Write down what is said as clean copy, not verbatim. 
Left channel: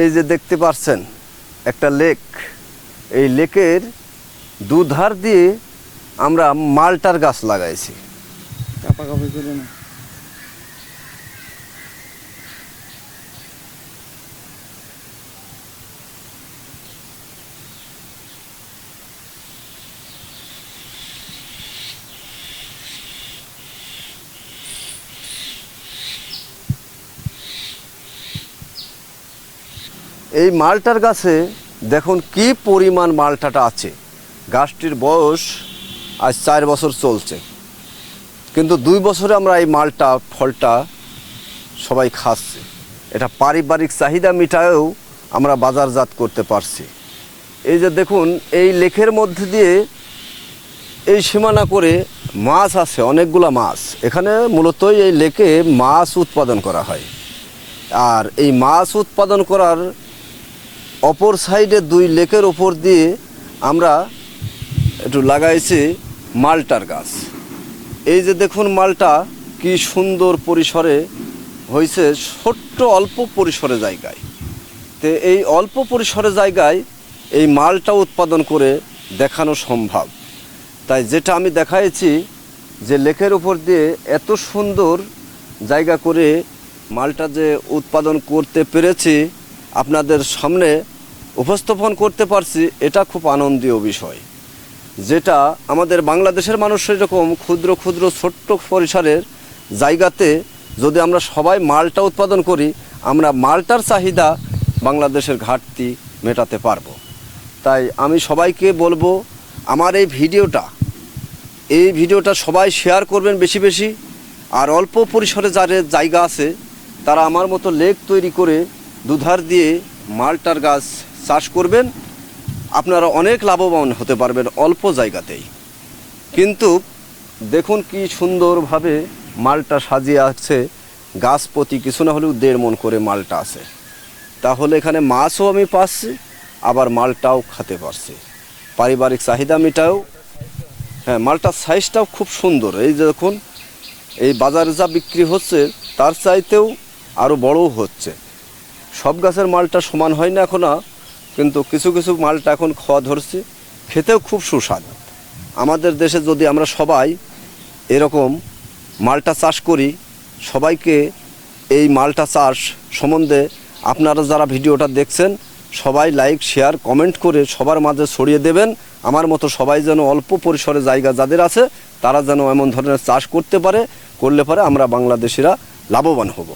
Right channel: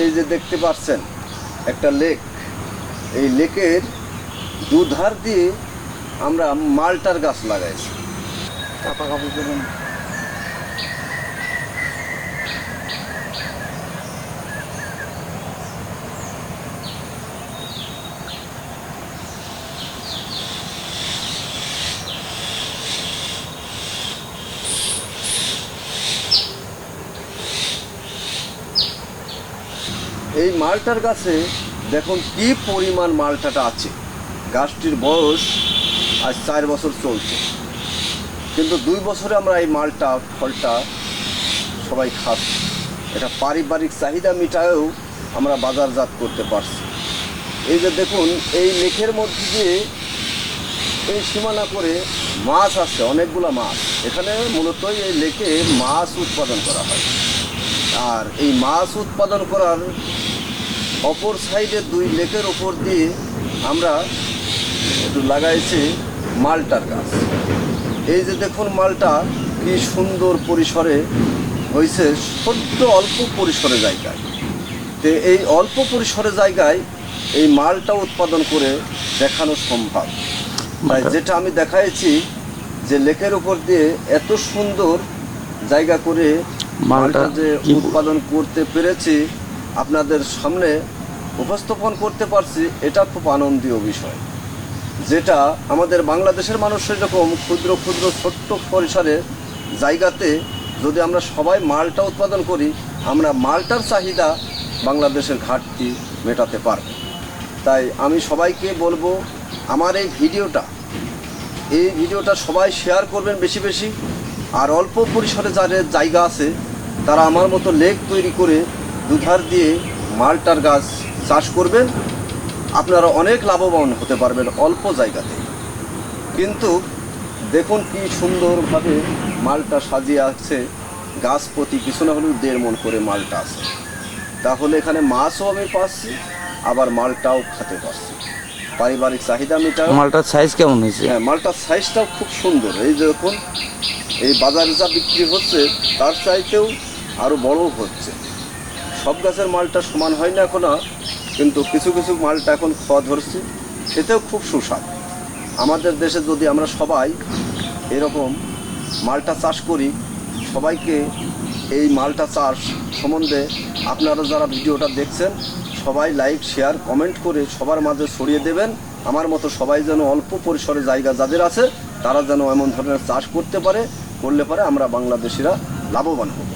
এই যে দেখতে পাচ্ছেন একটা লেক, এই লেকের দুধার দিয়ে আমরা মালটার গাছ লাগাইছি। এই মালটার গাছে দেখুন কি পরিমাণ মালটাটা আছে। গাছটির বয়স আজ 4 বছর চলছে, কিন্তু 2 বছরে আমরা এই মালটা ফলটা সবাই খাচ্ছি। এটা পারিবারিক চাহিদা মিটায়েও আমরা বাজারজাত করতে পারছি। এই যে দেখুন এই লেকের মধ্যে দিয়ে এই সীমানা করে মাছ আছে, অনেকগুলা মাছ। এখানে মূলত এই লেকে মাছ উৎপাদন করা হয়। আর এই মাছ উৎপাদন করার অপর সাইডে 2 লেকের ওপর দিয়ে আমরা একটু লাগাইছি মালটার গাছ। এই যে দেখুন মালটা কি সুন্দর পরিসরে হয়েছে, ছোট্ট অল্প পরিসরে জায়গায়। তো এই অল্প পরিসরে জায়গায় এই মালটা উৎপাদন করে দেখানো সম্ভব। তাই যেটা আমি দেখাইছি যে লেকের ওপর দিয়ে এত সুন্দর জায়গা করে মালটা যে উৎপাদন করতে পেরেছি, আপনাদের সামনে উপস্থাপন করতে পারছি, এটা খুব আনন্দীয় বিষয়। যেটা আমাদের বাংলাদেশের মানুষের এরকম ক্ষুদ্র ক্ষুদ্র ছোট্ট পরিসরের জায়গাতে যদি আমরা সবাই মালটা উৎপাদন করি, আমরা মালটার চাহিদা বাংলাদেশের ঘাটতি মেটাতে পারব। তাই আমি সবাইকে বলবো, আমার এই ভিডিওটা সবাই শেয়ার করবেন বেশি বেশি। আর অল্প পরিসরে যাদের জায়গা আছে তারা আমার মতো লেক তৈরি করে দুধার দিয়ে মালটার গাছ চাষ করবেন। আপনারা অনেক লাভবান হতে পারবেন অল্প জায়গাতেই। কিন্তু দেখুন কি সুন্দরভাবে মালটা সাজিয়ে আছে। গাছ প্রতি কিছু না হলেও 1.5 মণ করে মালটা আছে। তাহলে এখানে মাছও আমি পাচ্ছি, আবার মালটাও খেতে পারছি। পারিবারিক চাহিদা মেটাও। মালটার সাইজ কেমন হয়েছে? হ্যাঁ, মালটার সাইজটাও খুব সুন্দর। এই যে দেখুন এই বাজারে যা বিক্রি হচ্ছে তার চাইতেও আরও বড়ও হচ্ছে। সব গাছের মালটা সমান হয় না এখনো, কিন্তু কিছু কিছু মালটা এখন খাওয়া ধরছে, খেতেও খুব সুস্বাদু। আমাদের দেশে যদি আমরা সবাই এরকম মালটা চাষ করি, সবাইকে এই মালটা চাষ সম্বন্ধে আপনারা যারা ভিডিওটা দেখছেন সবাই লাইক শেয়ার কমেন্ট করে সবার মাঝে ছড়িয়ে দেবেন। আমার মতো সবাই যেন অল্প পরিসরে জায়গা যাদের আছে তারা যেন এমন ধরনের চাষ করতে পারে, করলে পরে আমরা বাংলাদেশিরা লাভবান হব।